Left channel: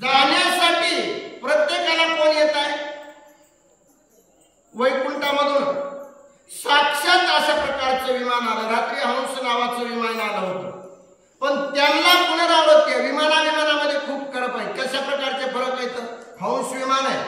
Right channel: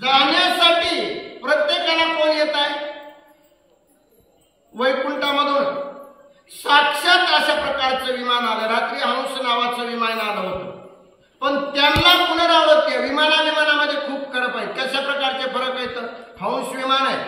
जाण्यासाठी प्रत्येकाला कोण येत आहे? वैकुंठामधून साक्षात अशा प्रकारचं विमान आलं. रात्री हंस नावाचं विमान आलं होतं, पण त्यांना पुनरावृत्ती आहे. विमानामध्ये खूप फरक आहे. कशा प्रकारचे फरक आहेत? हंस विमान आहे,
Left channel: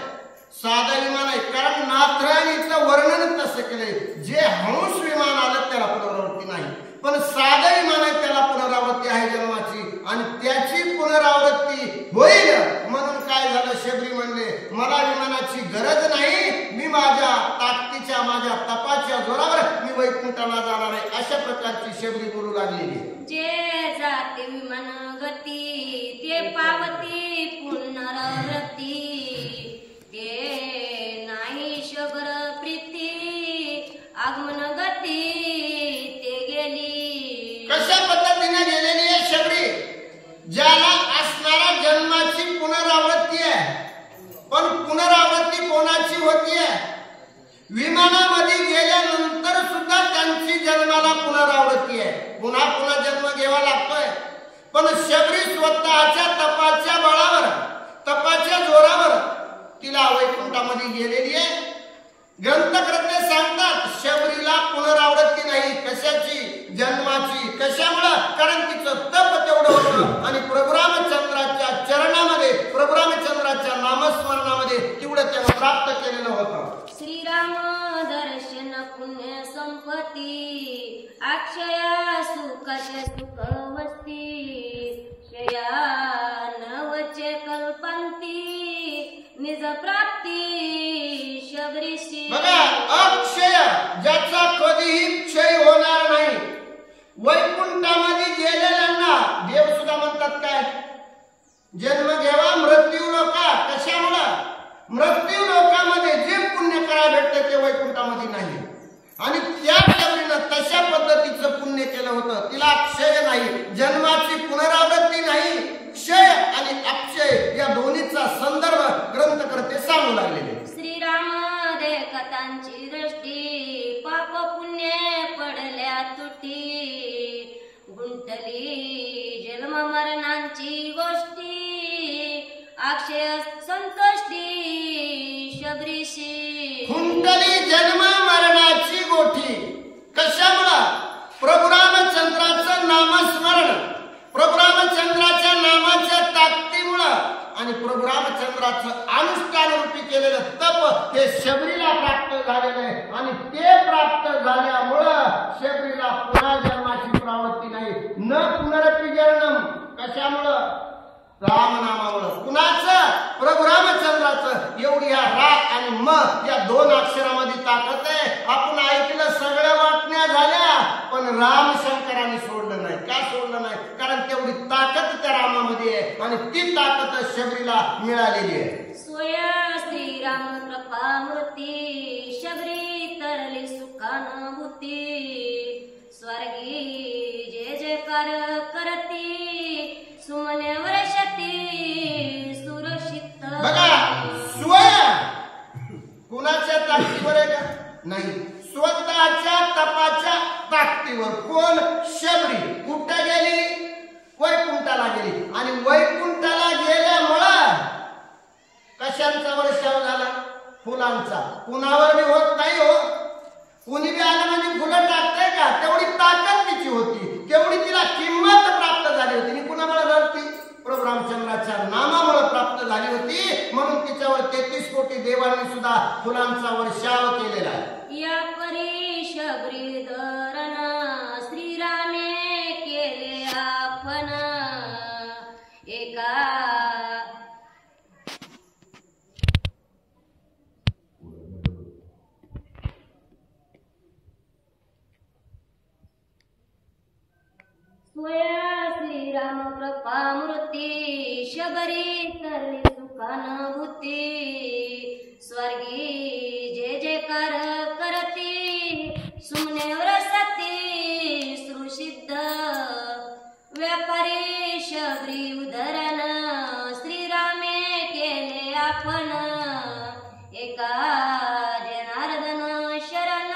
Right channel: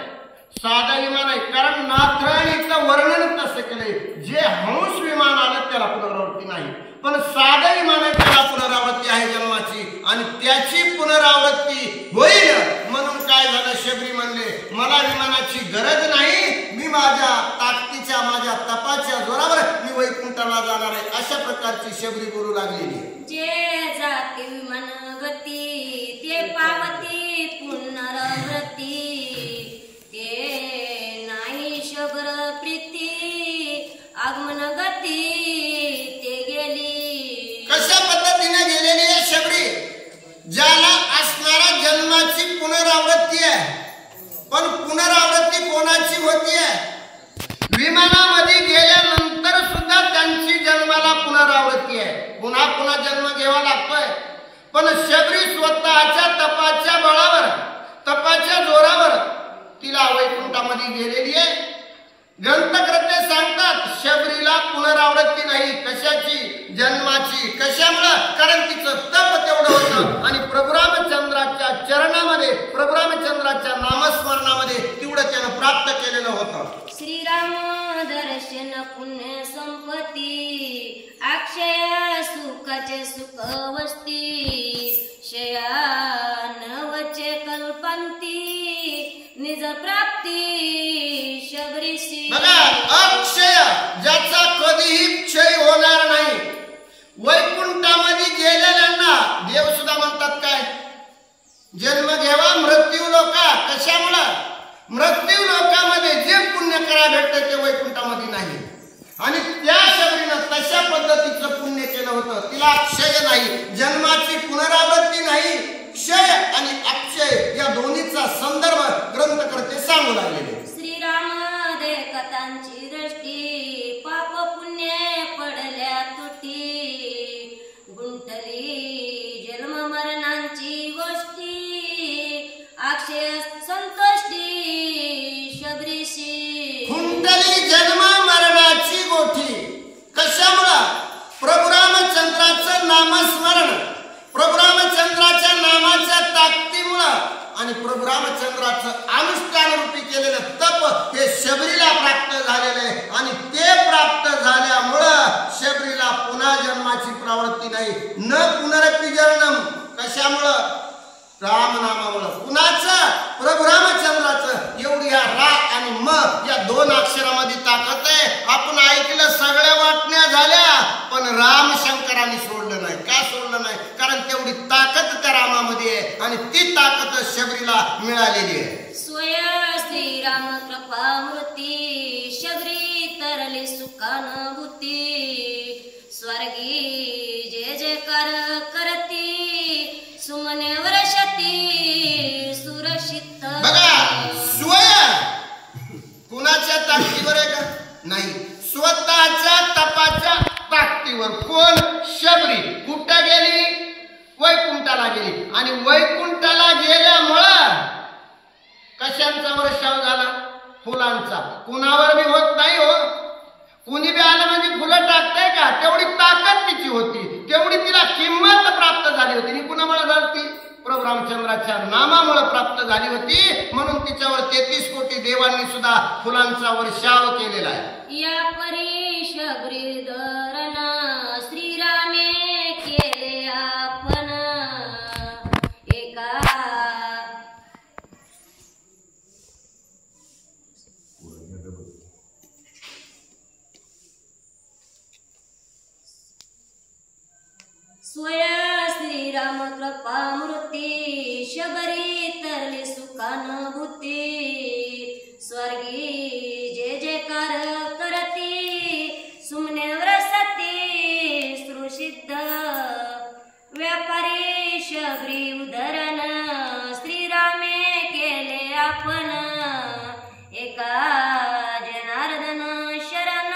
साधा विमान आहे. कारण नाथराणीचं वर्णन कसं केलंय, जे हंस विमान आलं त्याला पुनरावृत्ती नाही, पण साधं विमान आहे त्याला पुनरावृत्ती आहे जन्माची, आणि त्याची पुनरावृत्ती होईल. म्हणून काय झालं, शबरी म्हणले मला विमानाची गरज नाही, मी माझ्या ताकदीच्या माझ्या तपाच्या जोरावर मी वैकुंठाला जाणार आहे. अशा प्रकारची शबरी बोलू लागलेली. जे जाते विमान गती ते पावती पुनरावृत्ती, ते नाही शबर प्रीती आगमन गती ते गेली. कशा पद्धतीने गेलेली आहे शबरी? ज्याला असणारा जन्माची पुनरावृत्ती आहे, पण पुनरावृत्ती कोणाची होतीये? विमानामध्ये गेल्यानंतर सुद्धा त्यांची जन्माला पुनरावृत्ती आहे. पुन्हा पुन्हा जन्म घ्यावा लागतोय, पण शबरी स्वतःच्या तपाच्या बळावर तपाच्या जोरावर तिला वैकुंठामध्ये गेलेली आहे. ग्रंथकर्ते सांगतात शबरीला पुनरावृत्ती नाही. कशाची? जन्माची. कशामुळे? कारण तिचं तप तेवढं होतं, आणि प्रभू रामचंद्राच्या चरणामध्ये प्रभू रामचंद्राच्या नामस्मरणामध्ये तेवढं त्यानं प्राप्त केलेलं होतं. श्रीराम दर्शन पुण्य संपत्ती अक्षय सुखाचे सुख वस्ती शयानवचे कल्पंती निज प्राप्ती शबरीशी. बघा, अक्षय ज्याचा कधीही क्षय होणार नाही. वैकुंठामध्ये गेलेल्यांना देव सुद्धा म्हणतात काय? जन्म घेवा मृत्यू लोका. कशामुळं? मृत्यू लोकामध्ये जे पुण्य करायला भेटतं ते वैकुंठामध्ये नाही, आणि त्या शबरीनं तशा पद्धतीचं पुण्य केलं होतं. तिला क्षय नाही, जन्माची पुनरावृत्ती नाही. क्षय आणि अक्षय या दोन्हीचा संदर्भ ग्रंथकर्ते सांगू लागलेले. श्रीराम दे कथांची दृष्टी पाप पुण्य पडल्या तुटी गुंतली जन्म मरणांची गोष्टी अक्षय संतोष्टी शबरीशी. गुंतली जन्म मरणाची गोठी. कशामुळं? प्रभू रामचंद्राचं नामस्मरण, प्रभू रामचंद्राच्या नामाच्या ताकदीमुळं आणि प्रभू रामचंद्राचं अनुष्ठान रूपी केलेलं तप हे शबरीला प्राप्त झालेलं आहे, आणि ते प्राप्त झाल्यामुळं शबरीला पुन्हा जन्माची प्रवृत्ती नाही. न पुनरपि जन्म. कशामुळं? रामनामामुळं. कुणाचं? प्रभू रामचंद्राचं. एवढी हा रा आणि म या दोन अक्षरामध्ये ताकद आहे. आपण ऐकलं सगळ्या वाटण्या झाल्या, पण रामशंकरांनी सोडलं नाही. का सोडलं नाही? कारण तेवढी ताकद त्या रामामध्ये आहे, आणि ती ताकद शबरीला मिळालेली आहे. स्वय श्रीराम कृपामूर्ती शबरी तरली सुखानुभूती स्वर्गी जे जयकार करती सुमने वर्षती सुरक्षित. बघा, स्वयं कुणाच्या ताकदीवर आहे का? नाही, स्वतःच्या तपाच्या ताकदीवर. कोण? शबरी. कुठं गेली? वैकुंठाला गेली, आणि वैकुंठाला गेल्यामुळं कशांचा वर्षाव झाला? फुलांचा. कुणावर बी होत नाही हो. कुणी बी आलं म्हणजे फुलं टाकतंय का? तेवढी ताकद तिची होती, तेवढी तिला किंमत प्राप्त झाली होती. आणि कुणामुळे झाली? प्रभू रामचंद्राच्या नामामुळे प्राप्त झाली होती. म्हणून तिच्यावर 33 कोटी देवांनी सुद्धा फुलांचा वर्षाव केलेला आहे. या परी शबरी धरण श्रीरामे केले आपण एका स्वय श्रीराम कृपामूर्ती शबरी तरली सुखानुभूती स्वर्गी जे जयकार करती सुमने व्रसती सुसिद्ध व्यापारी शबरी उदरण श्रीरामे केले आपण एका जनार्दन शरण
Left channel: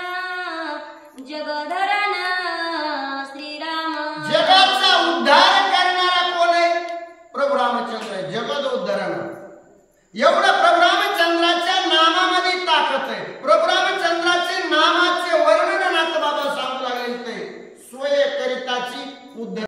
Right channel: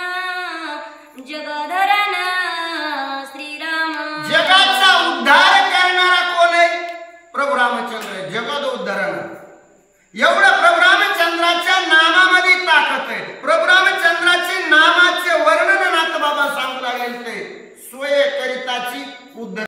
जगधरण जगाचा उद्धार करणारा कोण आहे? प्रभू रामचंद्र. जगद उद्धारण. एवढं प्रभू रामचंद्राच्या नामामध्ये ताकद आहे. प्रभू रामचंद्राचे नामाचे वर्णन नाथ बाबा सांगू लागले ते सोये करिताची उद्ध